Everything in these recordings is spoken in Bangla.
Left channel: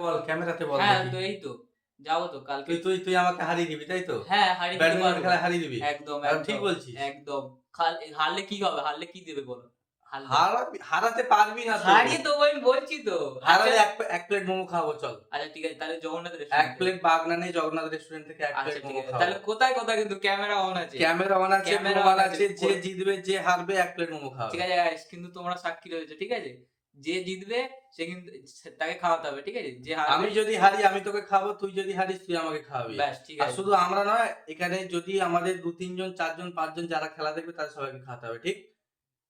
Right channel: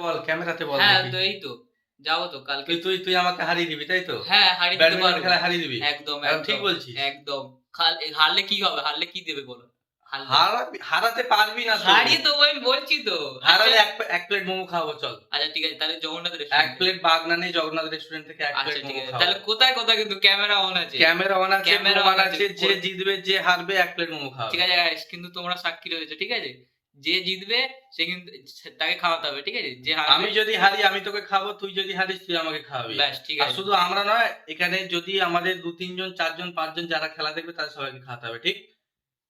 বল, ক্যামেরাতে বল হ্যাঁ, দেখি। তো এই তো। যাবো তো কালকে। তুই তুই তুই আমাকে হারিয়ে দিবি, তাই তো? হ্যাঁ, হারিয়ে দিতে ব্যাডমিন্টন পারবো। খেলায় হারিয়ে দিবি? একদম, এখন ঠিক একদম, বলছিস? একদম। হারলে কি হবে? হারলে কি দেবে বলো? হারলে? হারাতে পারবি না তো। হারিয়ে দেবো আমি বলছি তো। আচ্ছা, হারালে এক প্লেট মোমো খাওয়াবো চল। আচ্ছা ঠিক আছে তাহলে জগন্নাথ ১ রেস্টুরেন্টে। প্লেট বাগনান এই জগন্নাথ রেস্টুরেন্ট থেকে ১ আচ্ছা প্লেট ঠিক মোমো আছে। তাহলে খাওয়াবো। কোথায় কিন্তু ক্যামেরা অন আছে। ক্যামেরা অন আছে, ক্যামেরা প্রমাণ অন আছে। আছে, যে জিতবে, যে হারবে ১ প্লেট মোমো ঠিক খাওয়াবে। আছে গাইস কিন্তু তোমরা সাক্ষী রয়েছো, ঠিক আছে? যে জিতবে সে কিন্তু তাকে খাওয়াতে হবে, ঠিক আছে? যে হারবে আমি যদি হারি আমি তোকে খাওয়াবো, তুই যদি হারিস তুই আমাকে খাওয়াবি। ব্যাস ঠিক আর আছে। শুধু আমরা নয়, এখানে যদি আমাদের ২-৩ জন, ৪ জন, ৫ জন যারা খেলা দেখবে তাদের সবাইকে খাওয়াতে হবে, ঠিক?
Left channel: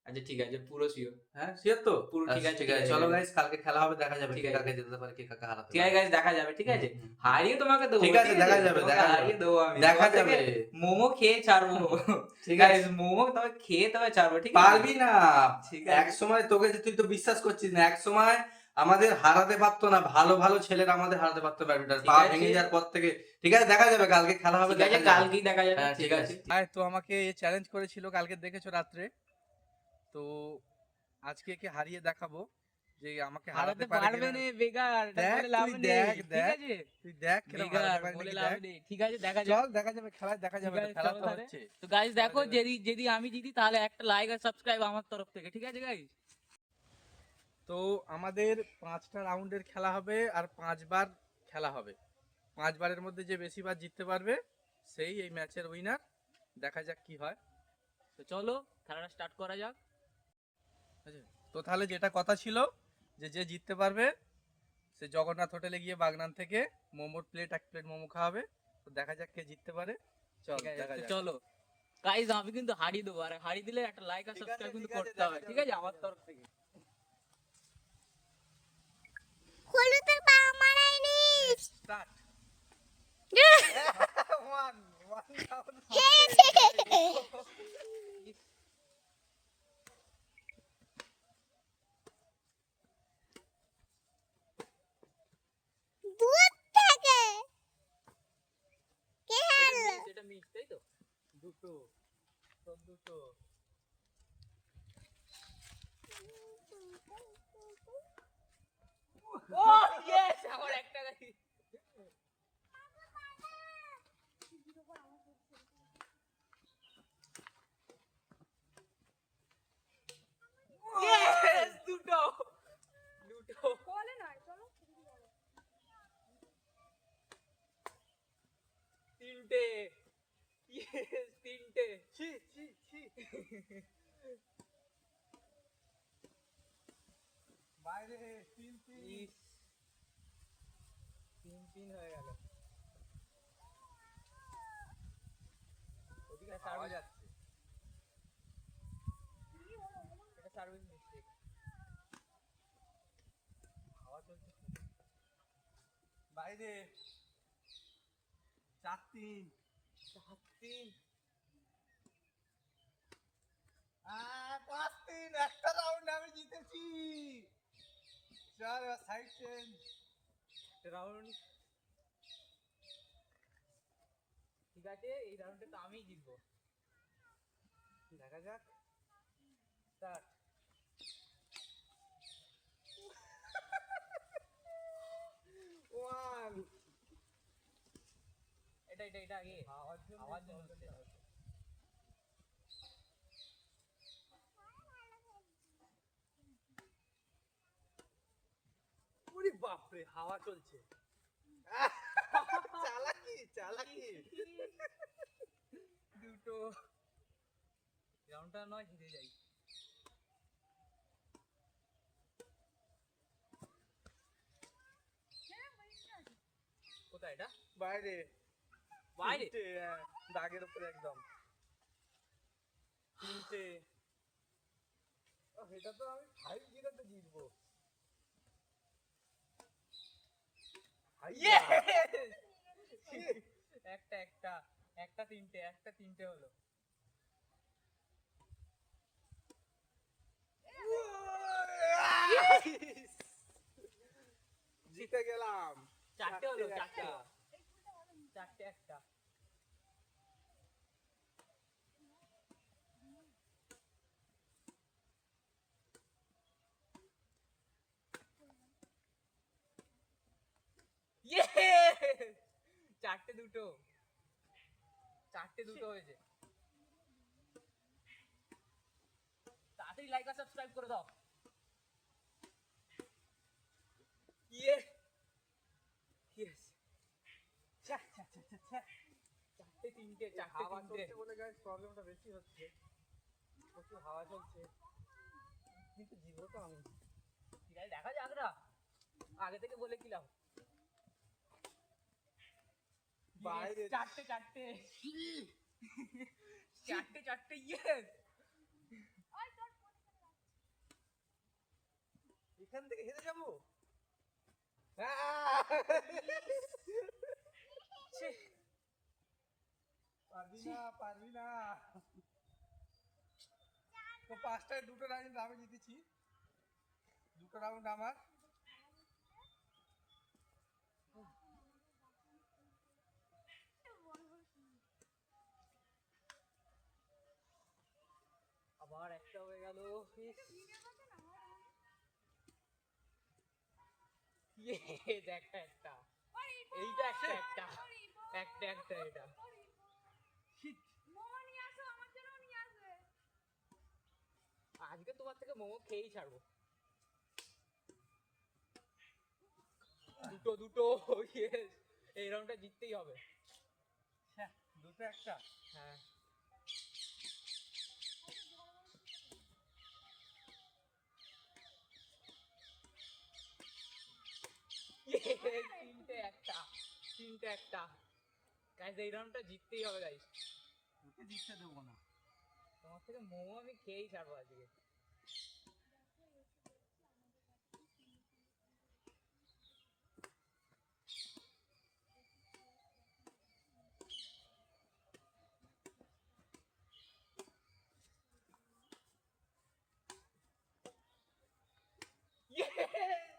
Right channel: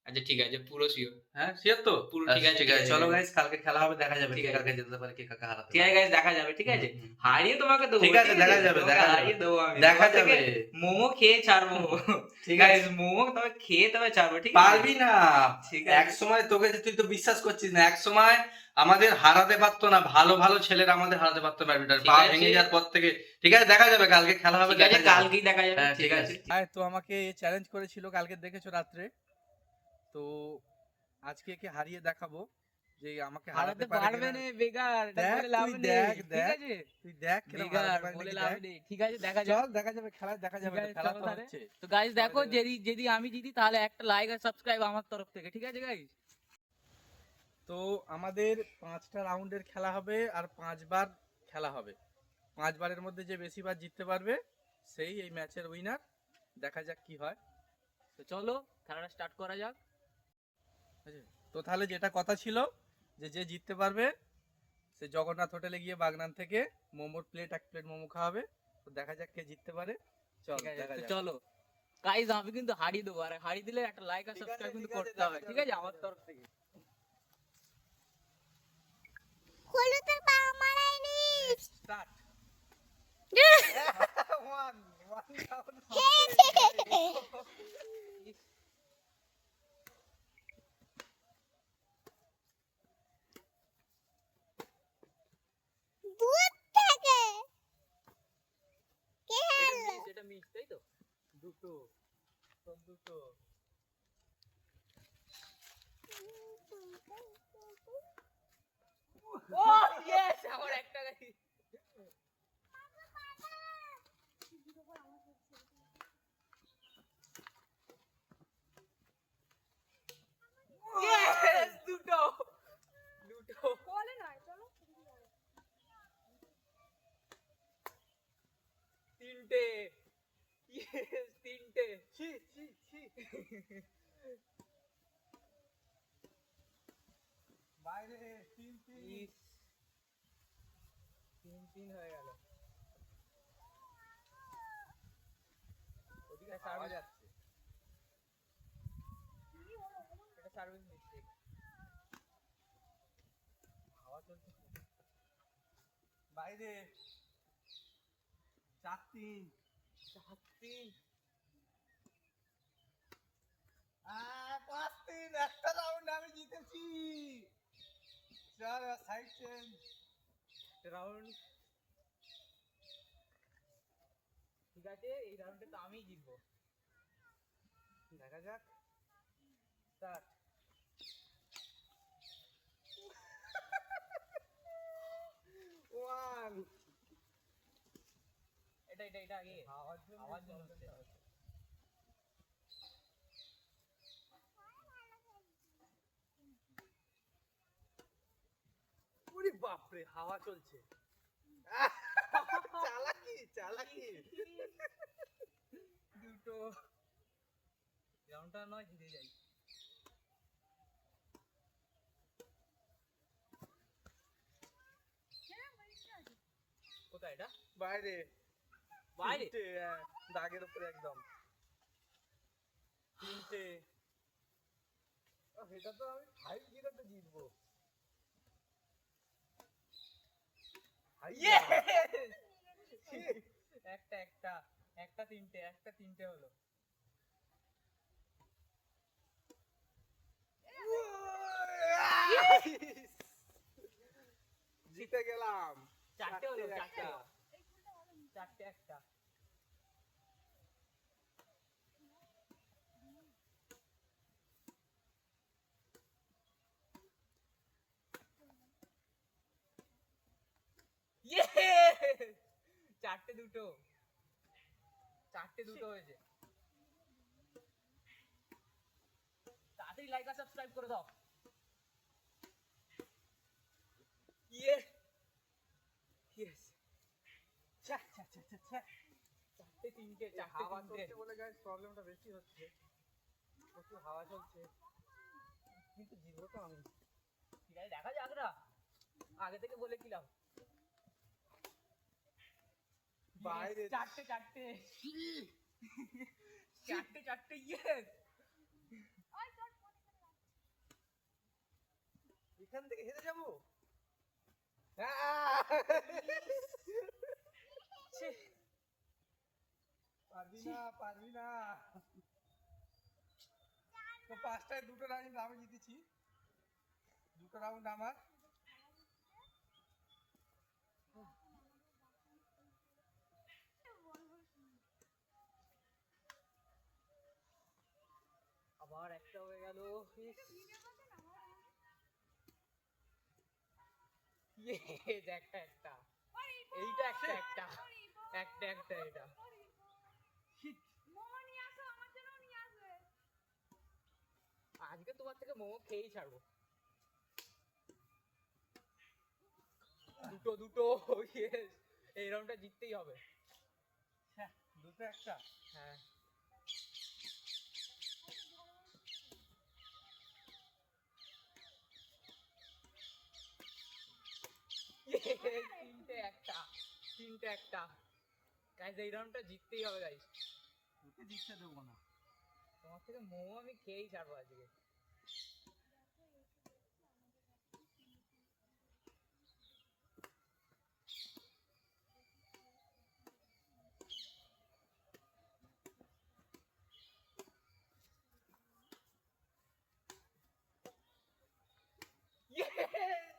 আচ্ছা ঠিক আছে, পুরো সিওর। হ্যাঁ, সিওর তো? পুরো ঠিক আচ্ছা আছে, ঠিক ঠিক আছে। আছে চলো গাইস। গাইস, কালকে খেলা হবে, দেখা যাবে ঠিক কে আছে। কাকে জেতাতে পারে, কে কাকে হারাতে ঠিক আছে পারে। গাইস দেখা যাবে, ঠিক হুম, আছে? হুম, হুম। হারিয়ে তোমাকে দেবো, ঠিক আছে, দেখা যাবে, তোমাকে দেখা যাবে। হারিয়ে দেবো আমি। দেখা তোমার থেকে যাবে। মোমো খেয়ে ছাড়বো। ঠিক আছে। গাইস মোমো তবে খেয়ে তবে ছাড়বো, ঠিক আছে? পারবি না। ঠিক আছে। একসময় তোকে যে তুই তো বিশ্বাস করছিস না। একসময় আমাদের হারাতে পারত না। ভালো, ভালো ছেলেরা আমাদের হারাতে পারত ব্যাডমিন্টন। ঠিক পা আছে, ভেঙে যাওয়ার পর থেকে। ঠিক আছে, দেখা যাবে কালকে খেলা হবে, ঠিক আছে দেখা যাবে। কালকেই দেখা যাবে। হ্যাঁ, ঠিক ঠিক আছে। আছে। হ্যাঁ, তো আমাকে চ্যালেঞ্জ করেছিল, কালকে দেখেছো রাত্রে। তো আজকে একে হারিয়ে দেখাবো যে আমাকে হারাতে হারাতে পারে পারবে কিনা। না বেকার, এটা দেখ বলে লাভ তুই নেই। দেখ, ঠিক দেখ। আছে? তুই দেখ কিরম হারাতে বেকার পারি বলে নাকি লাভ দেখ। নেই। ঠিক আছে দেখা যাক। চল দেখা যাবে, খেলায় দেখা ঠিক যাবে না। আছে খেলা চলো তো তাহলে। হচ্ছে। তো গাইস সবাই দেখো দেখবে। যদি আমি জিতি তাহলে একটা লাইক আর সাবস্ক্রাইব আমার তরফ থেকে। ঠিক আছে গাইস? তো আমাদের ৫টা রাউন্ডের খেলা হবে আর ৫ বার খেলা হবে। ৫ বারের মধ্যে যে বেশি বার জিততে পারবে সেই এই ম্যাচের উইনার। দেখা যাক কি হয়। তো চলো খেলাটা স্টার্ট করা যাক। ঠিক আছে? তো তাহলে যেটা কথা ছিল যে যে জিততে পারবে সে জগন্নাথ হোটেলে গিয়ে বাগনান থেকে মোমোর প্লেট ১ প্লেট মোমো খাওয়াবে। তো দেখা যাক কে জিততে পারে। চল ঠিক আছে দেখা তো যাক। চলো গাইস আমি কিন্তু হারিয়ে দেবো, আর হারিয়ে দিলে একটা লাইক আর ঠিক আছে, সাবস্ক্রাইব কিন্তু ঠিক আছে, করতে দেখা হবে, ঠিক যাবে, আছে দেখা আমার যাবে। তরফ থেকে। হলুদের পা মারাইনি। স্টার্ট। 1 1 ডাউন। দূর থেকে কে হারলো? এটা মিস তাই তো? দুটো, সব দুটো। ও ইয়েস আমার একটা গাড়ি। ইয়েস দুটো দুটো বলে নয় চলো তিনটে ইয়েস তিনটে ছি ছি ছি। বাইরে 3-3। ইস, তিন তিন হয়ে গেল। ওদিকে হাওয়া সার্ভিস যাচ্ছে। এটা সার্ভিস মিস্টেক। হাওয়া চলছে। বাইরে 4-3। সাত তিন 5-3। একটা রাউন্ড আমি জিতেছি। চল সাইড চেঞ্জ। রাউন্ড। ঠিক আছে এই রাউন্ডে তো আমিই জিতবো। দেখা যাক। স্টার্ট। 1। এটা আগে হাওয়ার জন্য আওয়াজ জন্য প্রবলেমটা হচ্ছে। হচ্ছে। ওরে বাপরে, হাওয়া চলছে। চালাকি চালাকি। দুটো রাউন্ডটা নয় জিতে যাই। কোথায় এটা? বাইরে বাইরে 3টে, দাগের উপরে একদম 3টে। এটা তো আমি 5-0 তে জিতবো। হাইয়া। Yes! একটা একটা একটা তিনটে হলো। জিতে গেলাম। চারটে হলো চারটে একটা। চারটে একটা। চারটে দুটো হয়েছে। তাড়াতাড়ি লাইক আর সাবস্ক্রাইব করে দাও। ইয়ে ইয়েস, চারটে তিনটে হাওয়া চলছে বলে গাইস প্রবলেমটা বেশি হচ্ছে, প্রচুর হাওয়া চলছে, কিন্তু জিতবো তো আমি। ঠিক আছে, দেখা যাক না, আগে থেকে বলে কিলাম। বাইরে চারটে ইয়েস। এখান থেকে হেরে যাবো। পারবি না তো পাঁচটায় দুটো রাউন্ড আমি জিতেছি, দুটো রাউন্ড আমার। আবার একটা হয়ে গেল। একটা এইটা একটা এটা। আজকে তোমার থেকে মোমো খেয়েই ছাড়বো। দুটো ইয়েস, এই রাউন্ডটা জিততেই হবে। দুটো একটা। হ্যাঁ, তিনটে একটা গাইস, এই রাউন্ডটা জিততেই হবে গাইস। তোকে জিততে দেবো না। তোমার থেকে মোমো আমি খেয়েই ছাড়বো আজকে।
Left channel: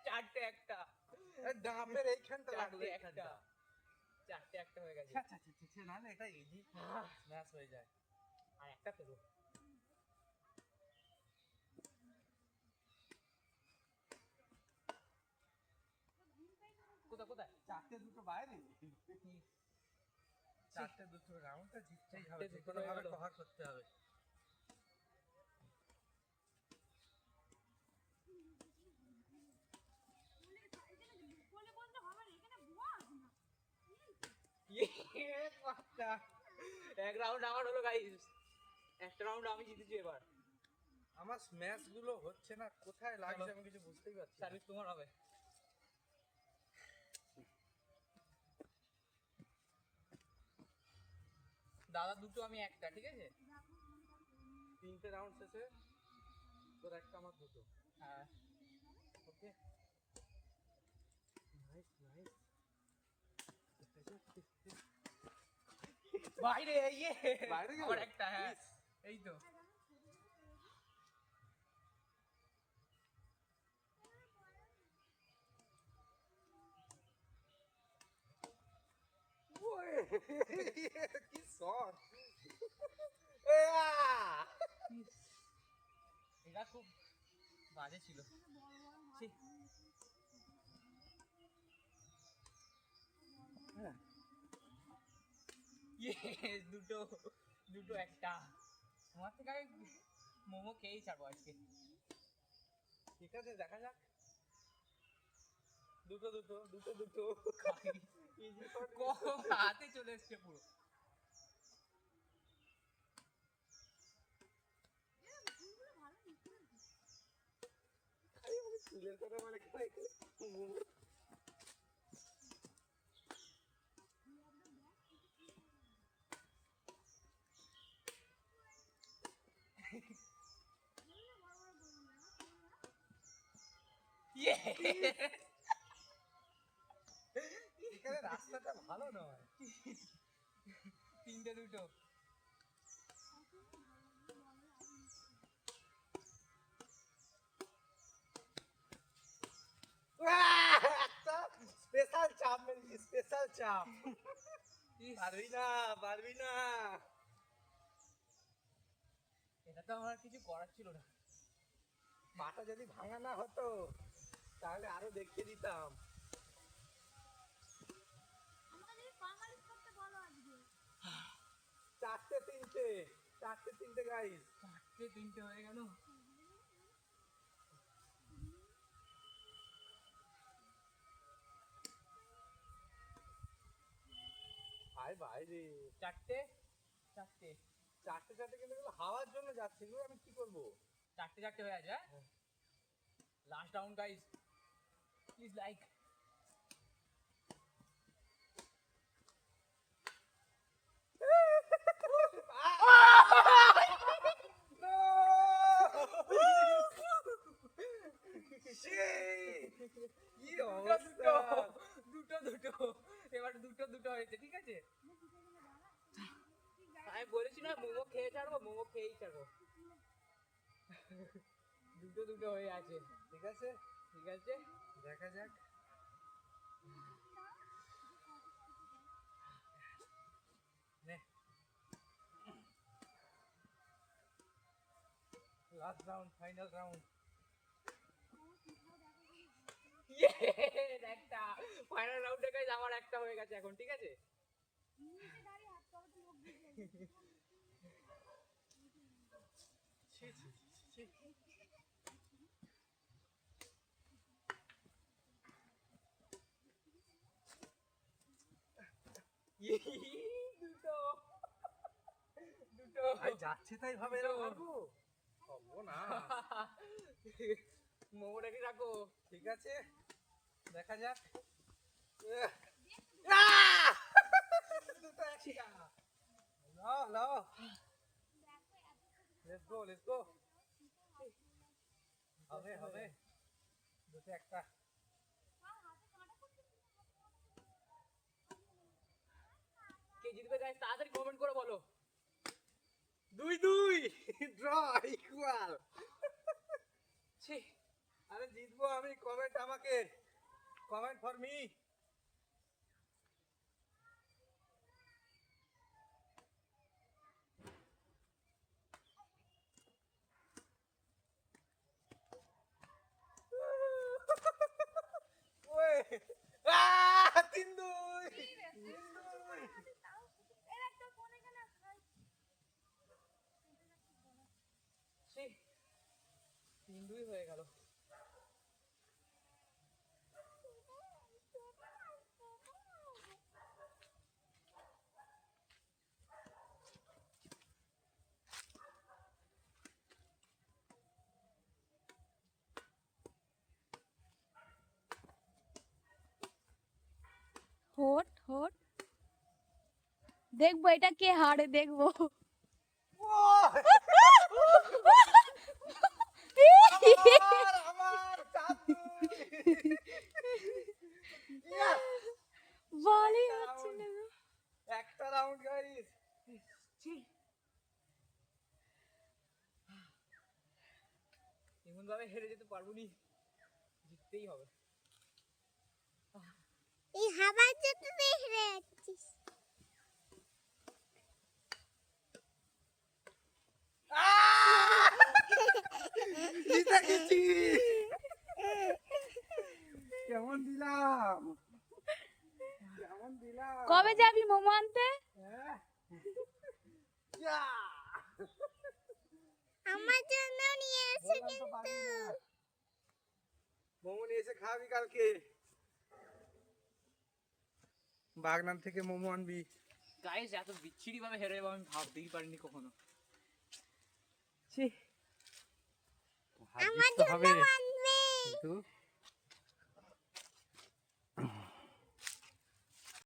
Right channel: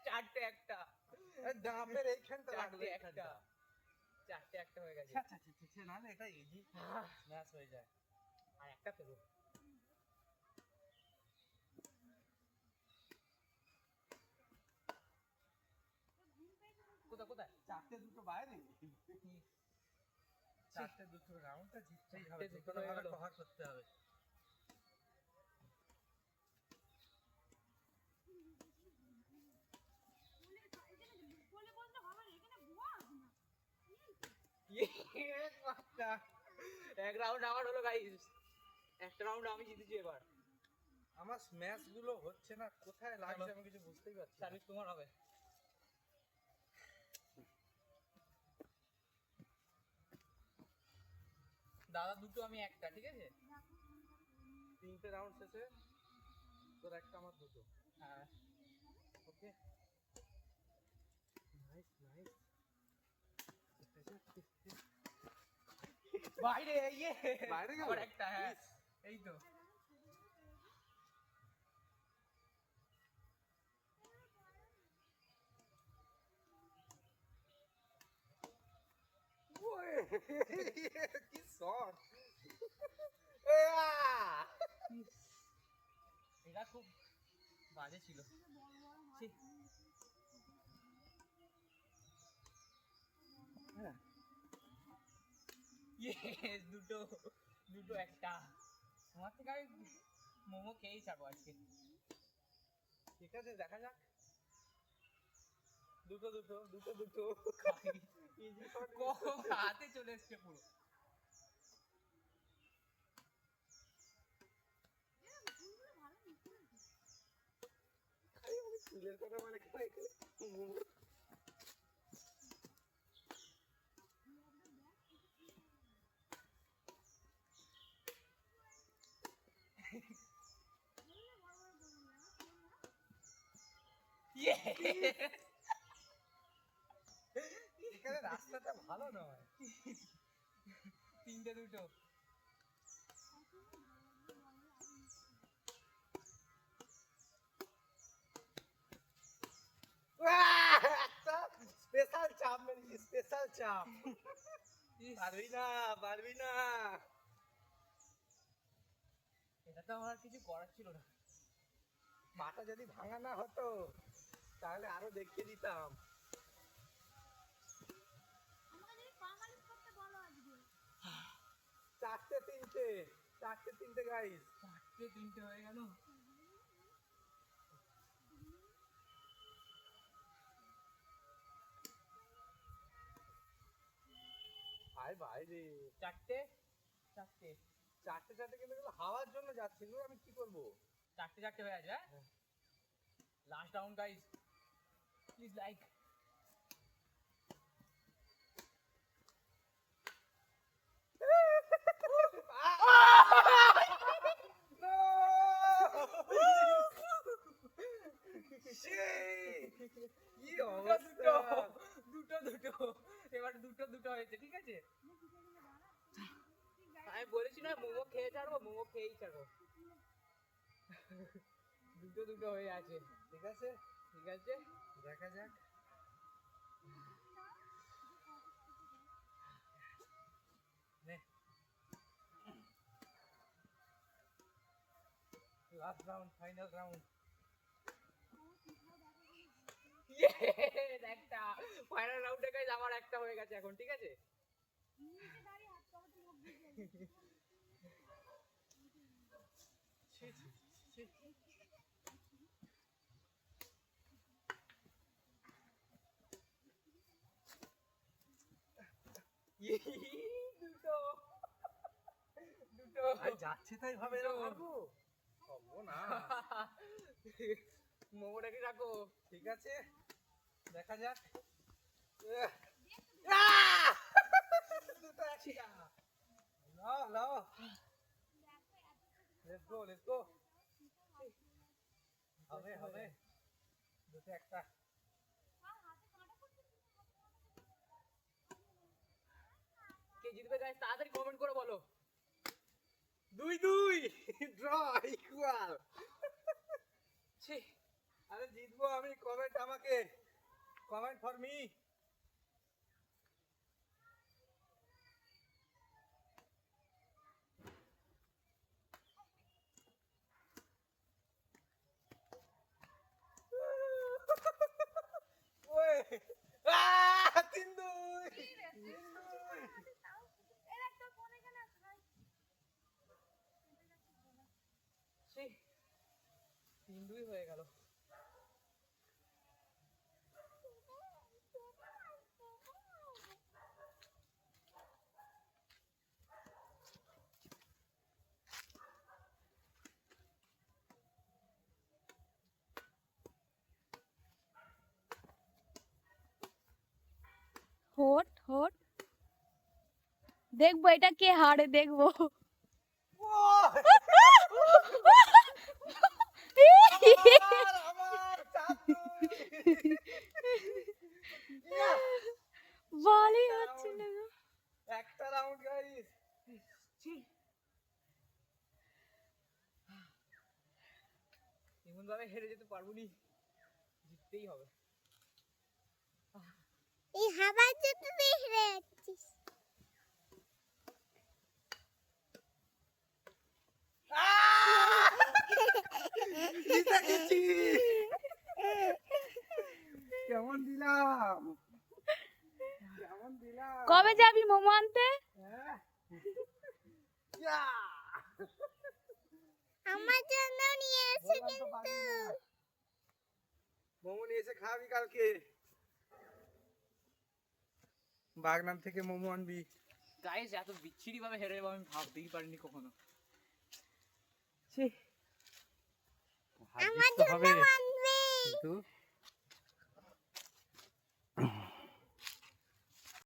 চারটে একটা, ডাবের এইখানটা লাগবে একটা, চারটে একটা হয়ে গেছে। না না, এটা ইজি ম্যাচ হয়ে যায়। আর একটা তো কোথায় চারটে দুটো বাইরে, চারটে দুটো রাউন্ডটা জিততেই হবে, চারটে দুটো দুটো হয়ে ভাবে গেল। কভার করতে হবে। এক রাউন্ড আমার হলো গাইস, একটা রাউন্ড আমি জিতেছি এবার। আমার স্ম্যাশ গুলো হচ্ছে না, কোথায় লাগছে আমি কিছু বুঝতেই পারছি না। সার্ভিস তোমার হবে। দাদা দুটো, আমি একটা, ঠিক আছে? তিনটে রাউন্ড শেষে তোর একটা আমার দুটো। হ্যাঁ, ওকে, নাইস নাইস। বাইরে ইয়ে, বাইরে গেল? আর একটা, হ্যাঁ এই তো। কি শট! এটা খুব বাজে ছিল। ছি। Yes, দুটো একটা। তোমার থেকে আমি মোমো খেয়েই ছাড়বো আজকে। ঠিক আছে, দেখা যাক। দুটো দুটো দুটো দুটো ইজি শট হাতে চলে এসছে পুরো। ফুলের কথা মানে এখানে রাস্তাটা ভালো নয়। তিনটে দুটো। একটা স্পেশাল চাপ মেরেছি, স্পেশাল চাপ। পারবি না, পারবি না। এটা তো আমার কিছু করার ছিল না। মাথা যদি ভাঙা না হতো তাহলে আরো দেখিয়ে দিতাম। আমাকে যদি পা মালিশ করতে 4-3 গাইস। 4-3 হয়ে গেল। ভাই ভাই রে 4-4 4-4 কিন্তু এগুলো হাওয়ার জন্য যাচ্ছে, এগুলো আমি কি করব? 4-4 হয়ে আছে। Last round guys, please like. কি অবস্থা! দুটো এবার দুটো হয়েছে, ঠিক আছে। আমি বলেছি না মোমো খেয়ে ছাড়বো, মোমো খেয়েই ছাড়বো। দুটো হয়ে আছে, ঠিক আছে, ঠিক আছে। দেখা যাক। Last round, final round. একটা ফাইনাল রাউন্ডে গাইস আমার একটা হয়ে গেছে এখন, ঠিক আছে। দুটো ভাই যাচ্ছে তাই ভাবে এরকম পারবো? পারবো না। মোমোটাকে রাখো, ঠিক আছে, দেখা যাক। লাও লাও, লেটস গো। হবে দুটো একটা। কে জিতবে গাইস তাড়াতাড়ি কমেন্ট করে বলো। 2-2 ড্র ইকুয়াল। ছি, আরে জিতবো আমি, কমেন্ট আমাকে, কমেন্ট ফর মি। ওয়ে 3-2। ছি, 3-2 হয়ে গেল। হোট দেখবো এটা কে হারে দেখবো। আমার 4-2। বলই হচ্ছে না গো। একটা রাউন্ড গাইস। এমন ভাবে হেরে যেতে পারবো নি, জিততেই হবে। এই হাওয়ার জন্য হেরে যাচ্ছিস। জিতে গেছি। কেমন দিলাম? কবে যাবি মোমো আনতে? হ্যাঁ? ইয়া! আমার জন্য নিয়ে এসে বললাম তো কিন্তু পারবি না। মোমো নিয়ে এসে খাবি কালকে। বাগনান থেকে মোমো আনবি। গাইস এত বিচ্ছিরি ভাবে হেরে যাবো আমি ভাবতেই পারিনি কখনো। আমার জন্য আনবে। কিন্তু